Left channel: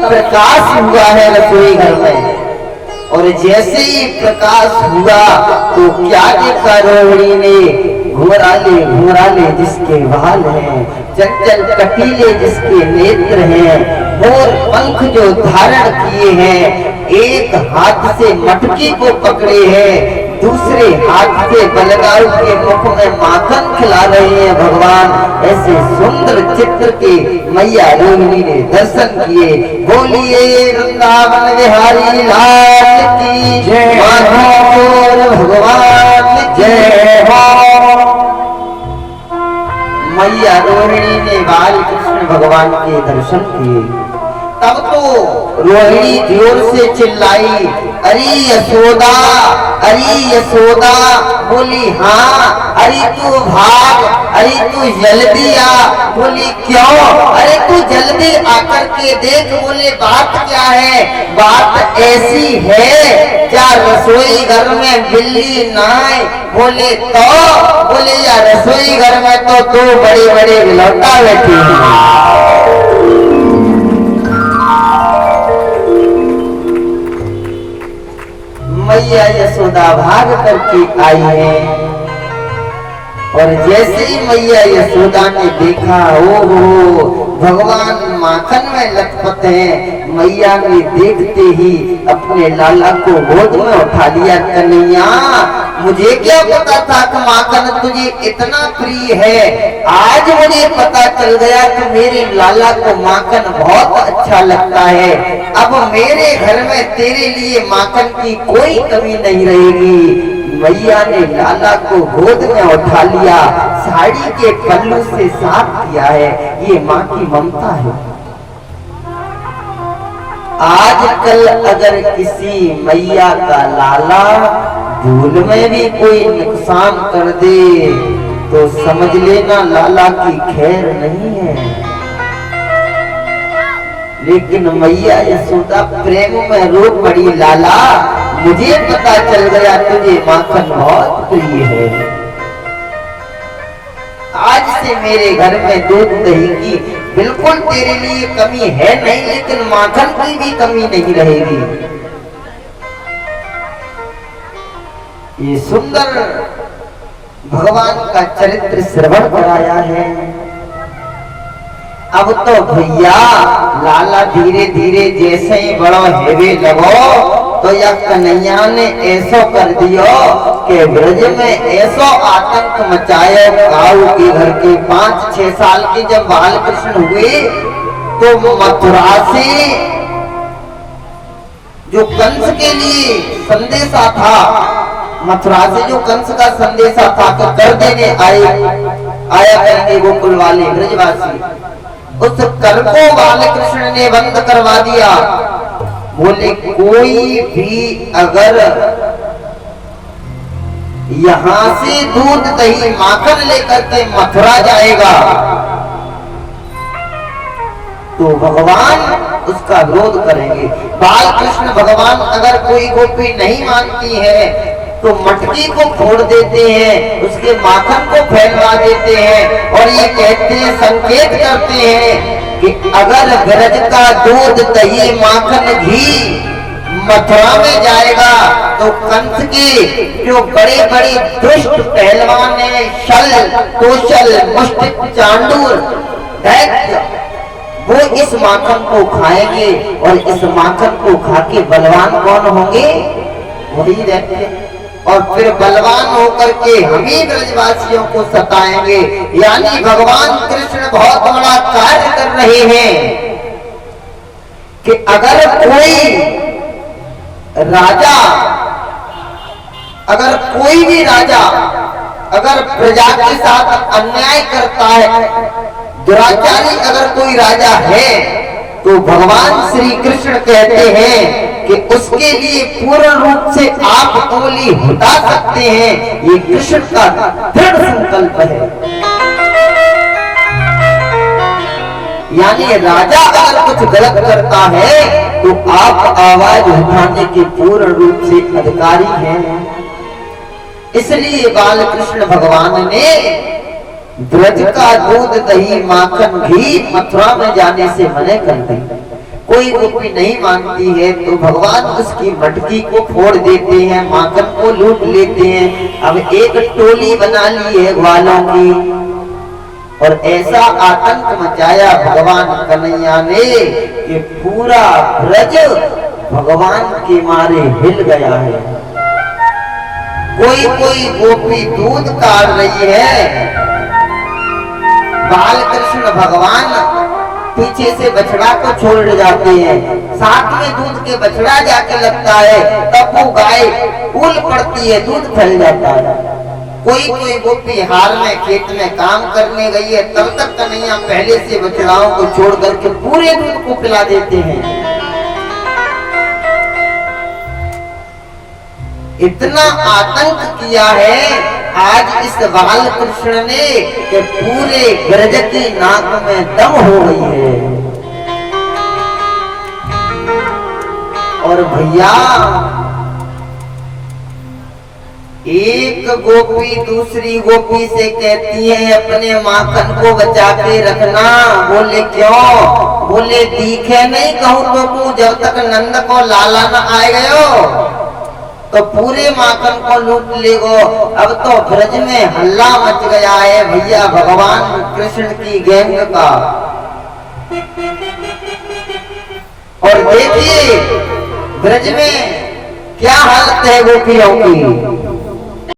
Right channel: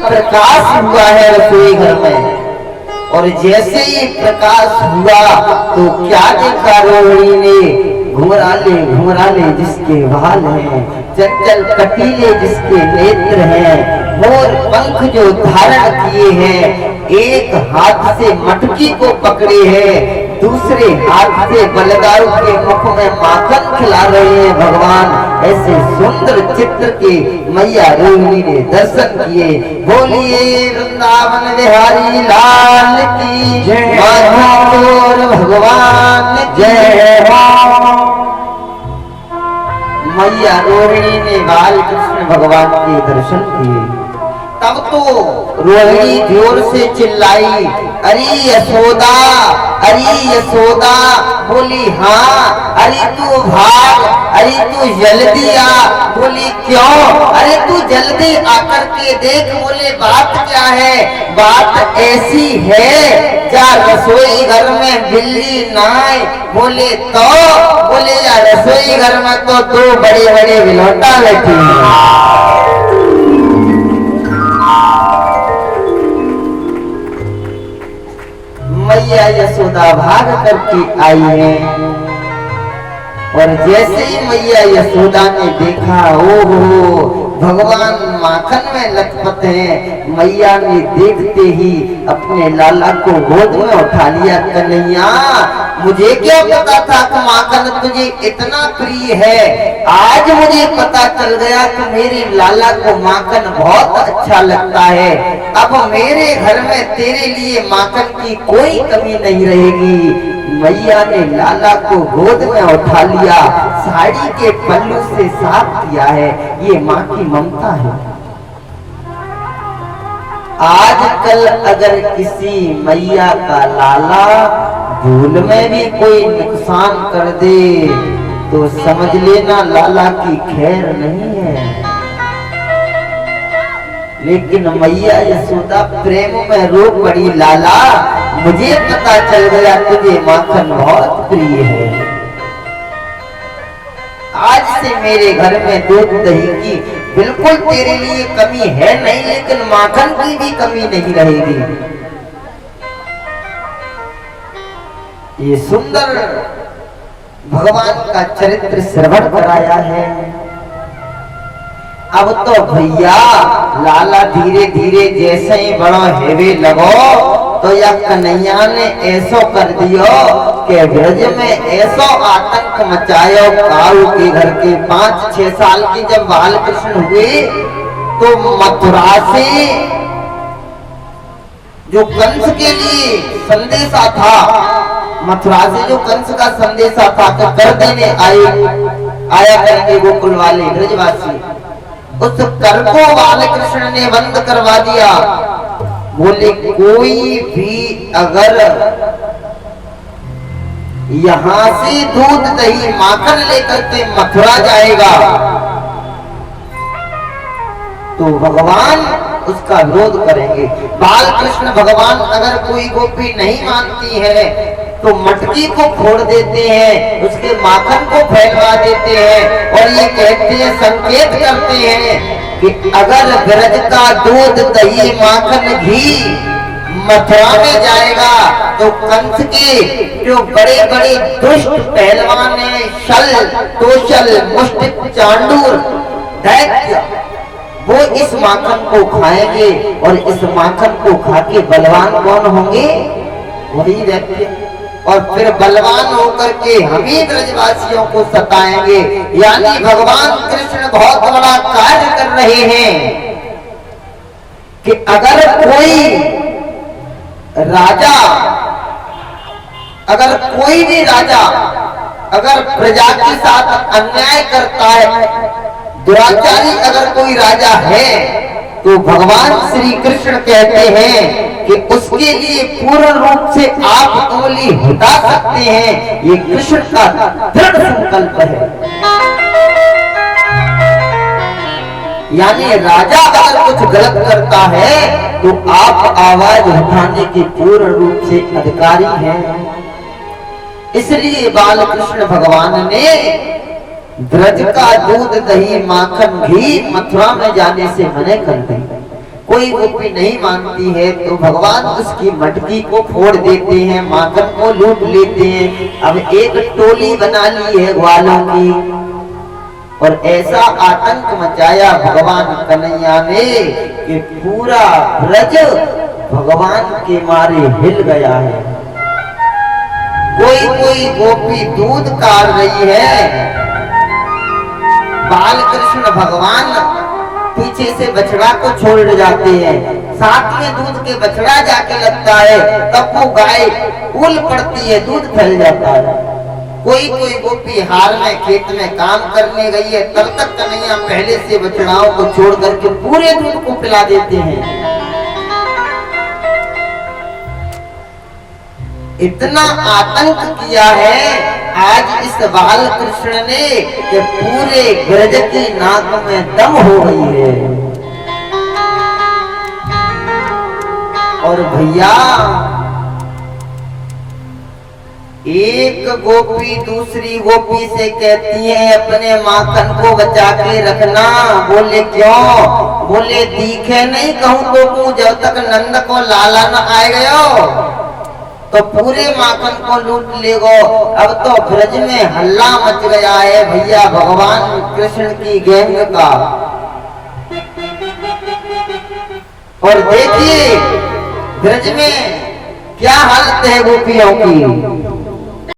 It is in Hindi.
प्रकाश हुआ है रसोई घर में, और जैसे ही प्रकाश हुआ तो क्या देखा रोहिणी ने? घुंघराले घुंघराले जिसके बाल हैं, चंचल कटीले जिसके नेत्र हैं, मोर पंख जो धारण किए हैं, एक हाथ से मटकी को पकड़े हैं, दूसरे हाथ से बलगारू के मुख में माखन खिला रहे हैं भगवान। ऐसे सुंदर चित्र के मैया रोहिणी ने दर्शन किए। बोलिए वृंदावन बिहारी लाल की जय, माधव भगवान जय। मैया रोहिणी ने बाल कृष्ण भगवान के दर्शन किए। तब तो रोहिणी जोर से चिल्लाई, अरे यशोदा, अरे यशोदा। बोली हाँ। अरे तू भाग, अरे तू जल्दी आ। बोली क्यों? अरे तू जल्दी आकर के देख। बोले बात क्या है? बात ऐसी है क्या रसोई घर में बिल्ली ना आए? बोले तो? बोले या रसोई घर में तो दो बड़े बड़े विलौटा बैठी हैं। मैया यशोदा भाग करके आई है, और जैसे ही मैया यशोदा ने देखा, ओहो भगवान माखन में लथपथ है। मैया ने देखते ही अपने लाला को गोद में उठा लिया। कन्हैया, मुझे क्या पता था कि माखन तुझे इतना प्रिय है। आज मुझे पता चल गया कि मेरे लाला को माखन बहुत अच्छा लगता है। अब मेरे घर में तेरे लिए माखन की कोई कमी नहीं रहेगी। मैया ने लाला को गोद में उठा लिया, साड़ी के पल्लू से साफ किया है। ये माँ की ममता है। आजकल अगर किसी मैया का लाला भूल में भी कोई नुकसान कर दे तो समझ लेना लाला की खैर नहीं है। लेकिन मैया यशोदा प्रेम में रो पड़ी, लाला मुझे पता चल गया तुझे माखन बहुत प्रिय है। आज से मेरे घर में दूध दही की बिल्कुल तेरे लिए कमी है नहीं, लेकिन माखन की भी कमी नहीं रहेगी। ये सुंदर भगवान का चरित्र श्रवण कराया है। अब तो भैया लाला धीरे धीरे जैसे ही बड़ा हेवे लगो तो या कन्हैया ने ऐसो कर दियो कि ब्रज में ऐसो आतंक मचायो। काऊ के घर के 5-6 साल के जब बाल कृष्ण हुए तो मथुरा से जो कंस के लिए संदेशा था, मथुरा से जो कंस का संदेशा था कि कर देने आया करेंगे गोकुल वाले ब्रजवासी, उस कर को बाल कृष्ण ने बंद करवा दिया। बोले कोई भी अगर यहाँ से दूध दही माखन लेकर के मथुरा जाएगा तो भगवान उसका विरोध करेंगे। बाल कृष्ण भगवान अगर कोई गोपी नहीं मानती है तो मटकी को फोड़ देते हैं, उसके माखन को फैलवा देते हैं, और ये कहते हैं, संकेत करते हैं कि अगर ब्रज का दूध दही माखन घी मथुरा में जाएगा तो कंस के जो बड़े बड़े दुष्ट पहलवान हैं, शल तोशल मुष्टिक चांडूर दैत्य, वो इस माखन को खाएंगे, और इस माखन को खा के बलवान कौन होंगे? वही दैत्य। और फिर बलवान होकर के हम ही ब्रजवासियों को सताएंगे। यानी भगवान कृष्ण बहुत बड़ा कार्य कर रहे हैं कि अगर कोई राजा, अगर कोई भी राजा अगर प्रजा के साथ अन्याय करता है, दुराचारी अगर कोई राजा है, तो भगवान श्री कृष्ण कहते हैं कि उसके लिए पूर्ण रूप से आप उंगली हटा सकते हैं। ये कृष्ण का दृढ़ संकल्प है। यानी राजा अगर कुछ गलत करता है तो आप आवाज उठाने के पूर्ण रूप से अधिकारी हैं। इसलिए बाल कृष्ण भगवान ने ब्रज का दूध दही माखन घी मथुरा में जाने से मना कर दी। कोई गोपी नहीं मानती है तो भगवान उसकी मटकी को फोड़ देते हैं, माखन को लूट लेते हैं। अब एक टोली बना ली है ग्वालों की, और ऐसा आतंक मचाया भगवान कन्हैया ने कि पूरा ब्रज भगवान के मारे हिल गया है। कोई कोई गोपी दूध काढ़ रही है, बाल कृष्ण भगवान पीछे से बछड़ा को छोड़ जाते हैं, साथ में दूध के बछड़ा जाके लगता है, तब वो गाय उल पड़ती है, दूध फैल जाता है। कोई कोई गोपी हार में खेत में काम करने गई है, तब तक कन्हैया पहले से बछड़ाओं को छोड़ करके पूरे दूध को पिला देते हैं। इतना आतंक किया है आज इस बाल कृष्ण ने कि पूरे ब्रज की नाक में दम हो गई है। और भैया एक गोपी दूसरी गोपी से कहती है अपने माखन को बचा के रखना। बोले क्यों? बोले दिखे नहीं कहूं तो तू जब तक नंद को लाला न आए गयो तो पूरे माखन को लूट लेगो। अब तो ब्रज में हल्ला मच गया है भैया भगवान कृष्ण की गैंग का। और देखिए ब्रज में क्या हालत है गोपियों की।